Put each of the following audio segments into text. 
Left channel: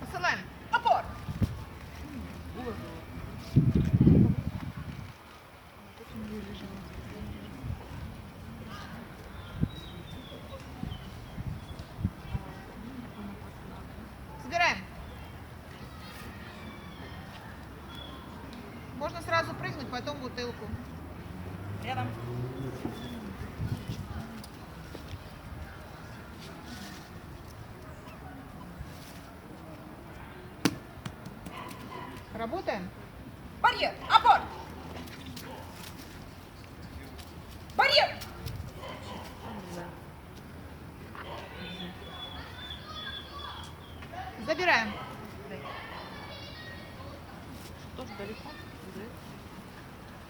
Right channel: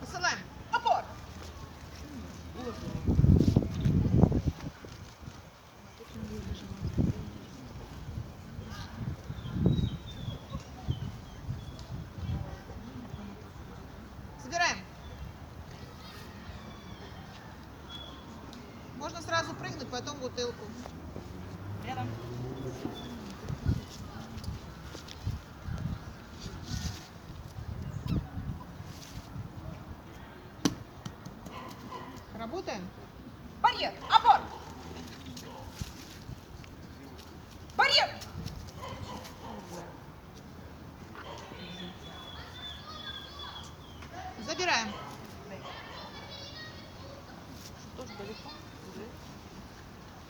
Посылаем. Опор! Собираем. Можно сразу прыгнуть, потом бутылку. Рядом. Работаем? Барьер. Опор. Барьер. Забираем.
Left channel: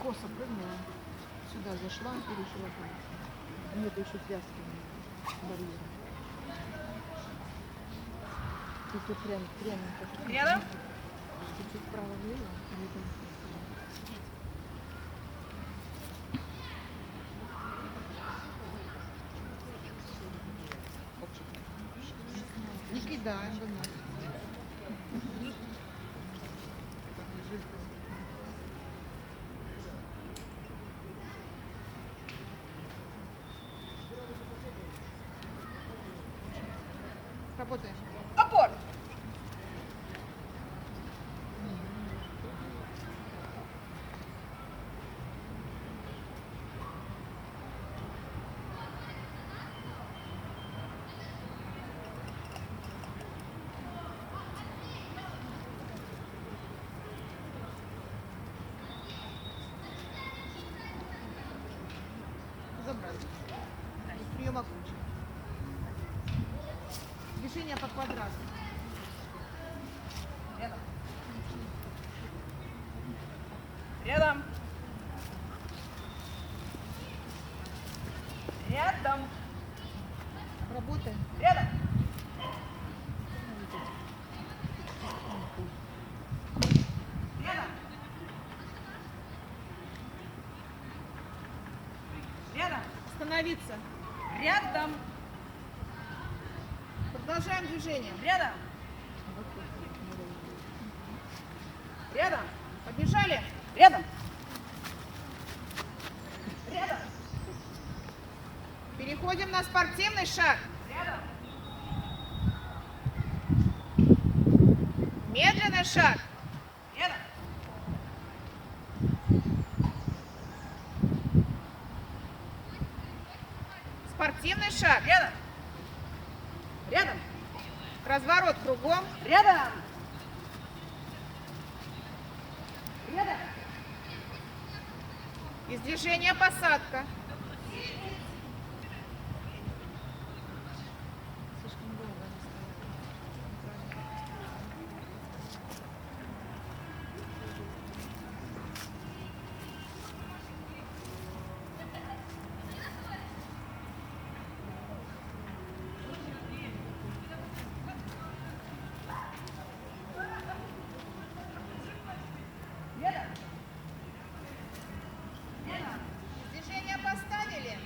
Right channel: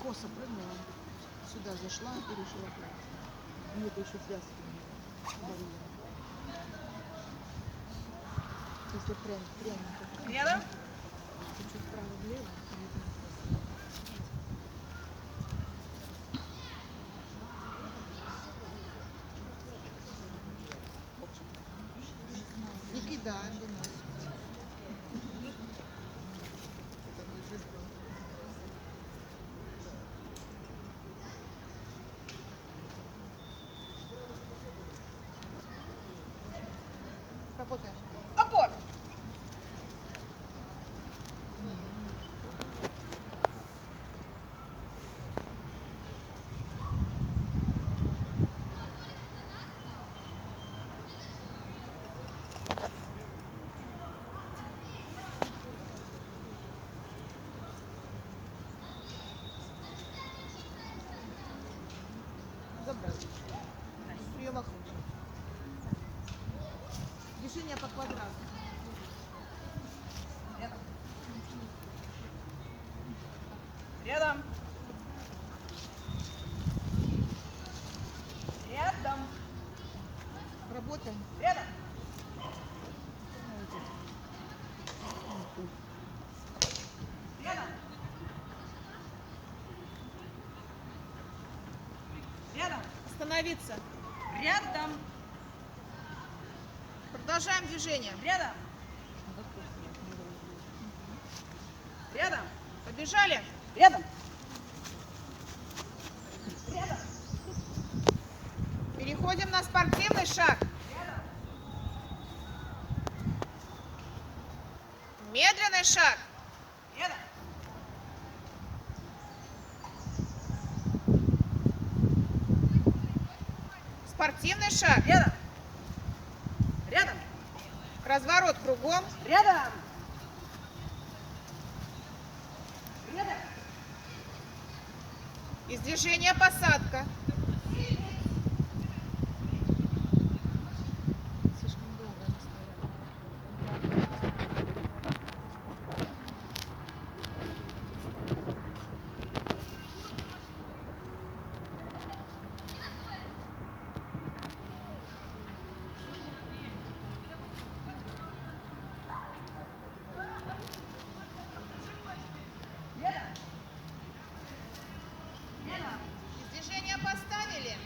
Косо прыгнула, сюда зашла и решила прыгнуть. Нет, еще связки барьера. Если прямо Рядом. чуть-чуть вправо-влево, и это Не кидаем. Работаем. Опор. Забрали. Приема ключа. Движение по квадрату. Рядом. Рядом. Рядом. Работаем. Рядом. Рядом. Рядом. Остановиться. Рядом. Продолжаем движение. Рядом. Рядом. Побежали. Рядом. Рядом. Переходим на спортивный шаг. Рядом. Медленный шаг. Рядом. Спортивный шаг. Рядом. Рядом. Разворот кругом. Рядом. Рядом. Из движения посадка. слишком долго не стояла. Рядом. Рядом. Из движения поставили.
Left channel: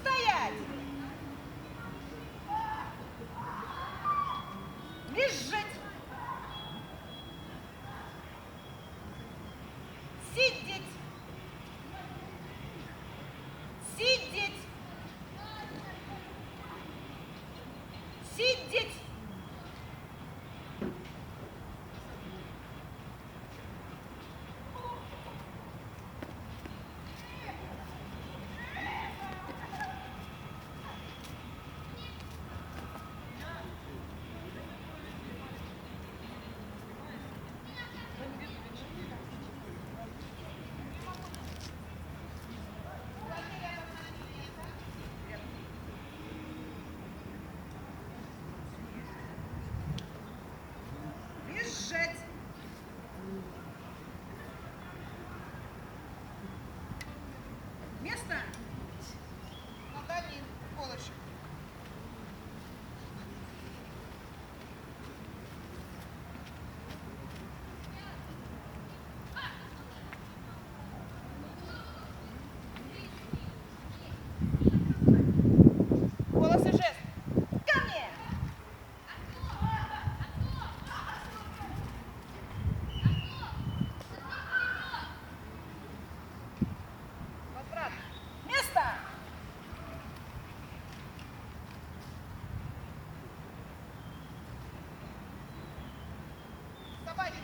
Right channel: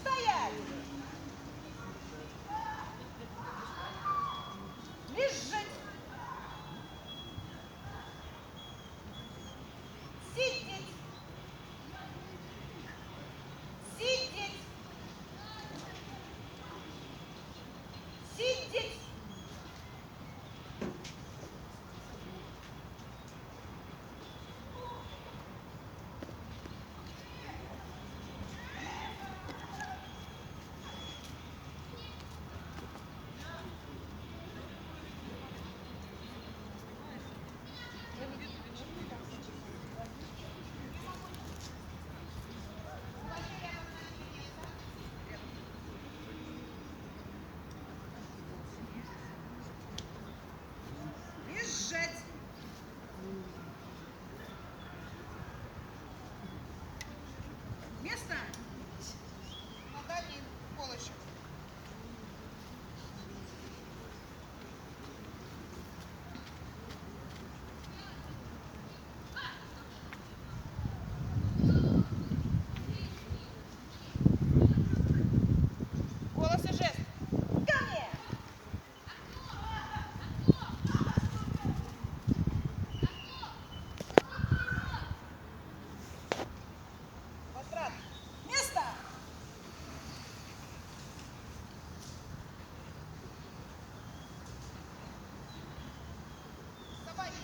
Стоять! Лежать! Сидеть! Сидеть! Сидеть! Лежать! Место! На дальний колышек. Голос и жест. Ко мне! Возврат. Место! Собаки.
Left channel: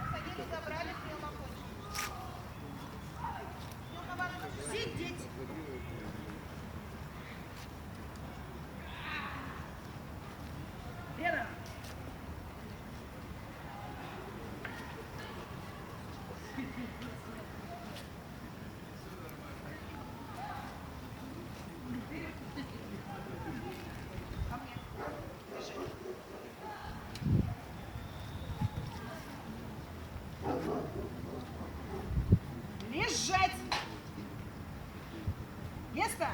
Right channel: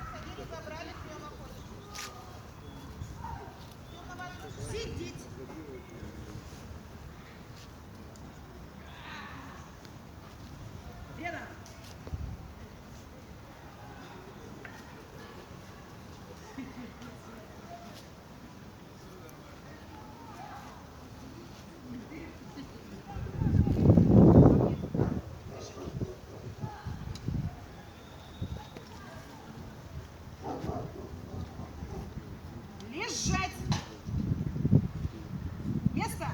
Посадили, забрали, прием окончен. Ждем на вас. Сидеть! Рядом! Лежать! Место!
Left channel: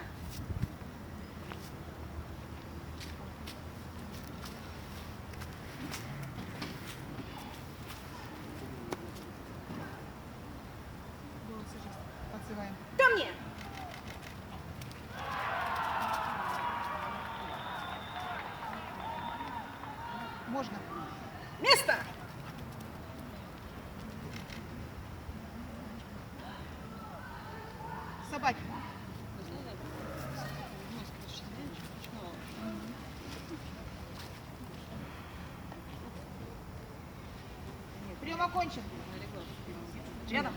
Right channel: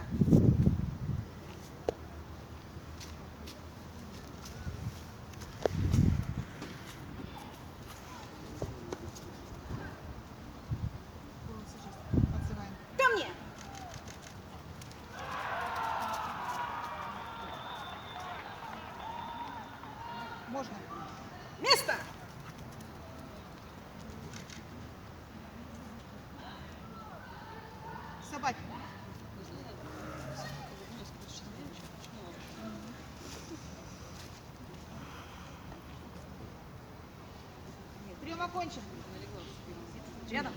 Голос и жест. Отзываем. Ко мне! Можно? Место! Собаки. Прием окончен. Рядом!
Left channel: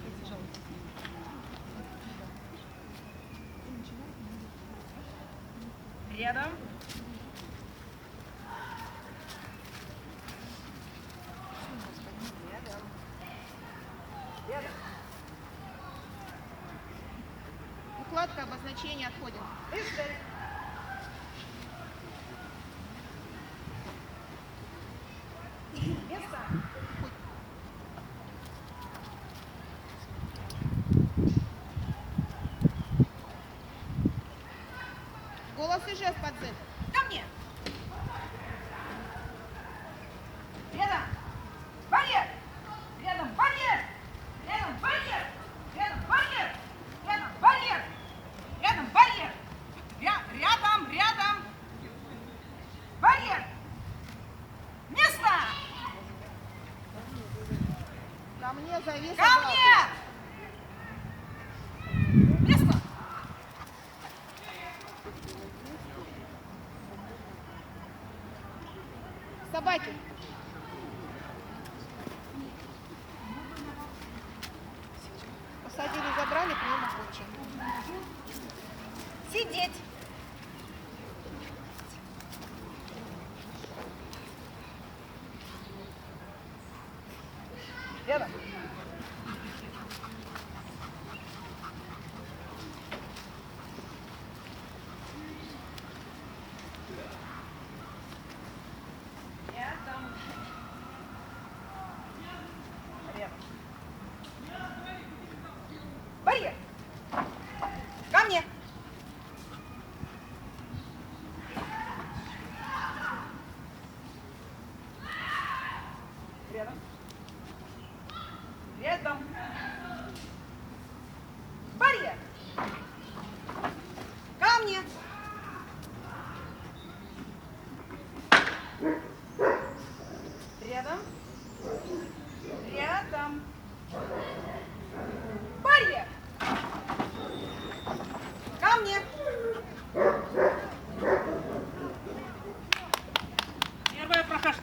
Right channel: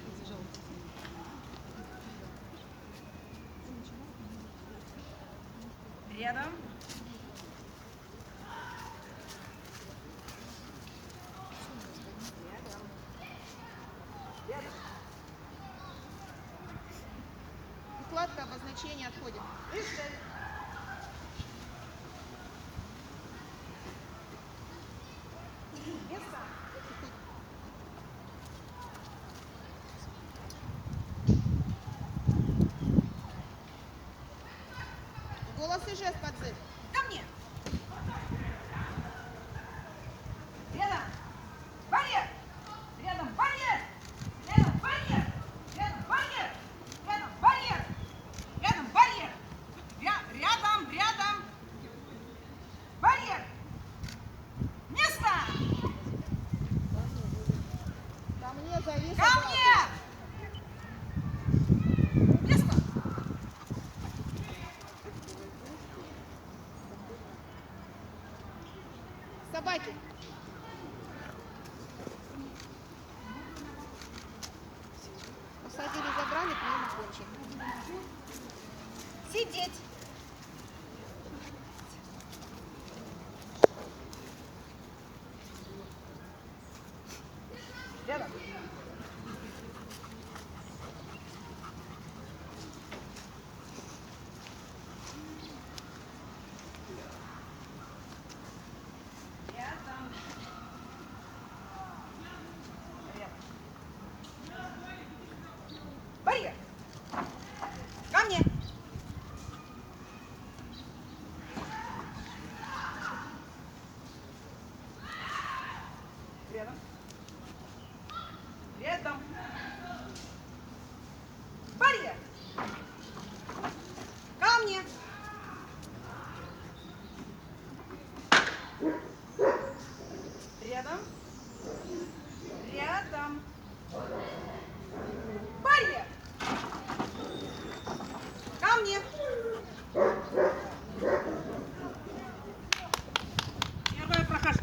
Рядом! Рядом! Рядом! Укладка обозначения отходит. Лежать! Место! Голос и жест подзыв. Ко мне! Рядом! Барьер! Рядом барьер! Рядом барьер! Рядом барьер! Рядом барьер! Рядом барьер! Рядом! Барьер! Место! Ко мне завис. Ко мне! Место! Собаки. Посадили, забрали, прием окончен. Сидеть! Рядом. Рядом. Рядом. Барьер. Ко мне. Рядом. Рядом. Барьер. Ко мне. Рядом. Рядом. Барьер. Ко мне. Первая прокашка.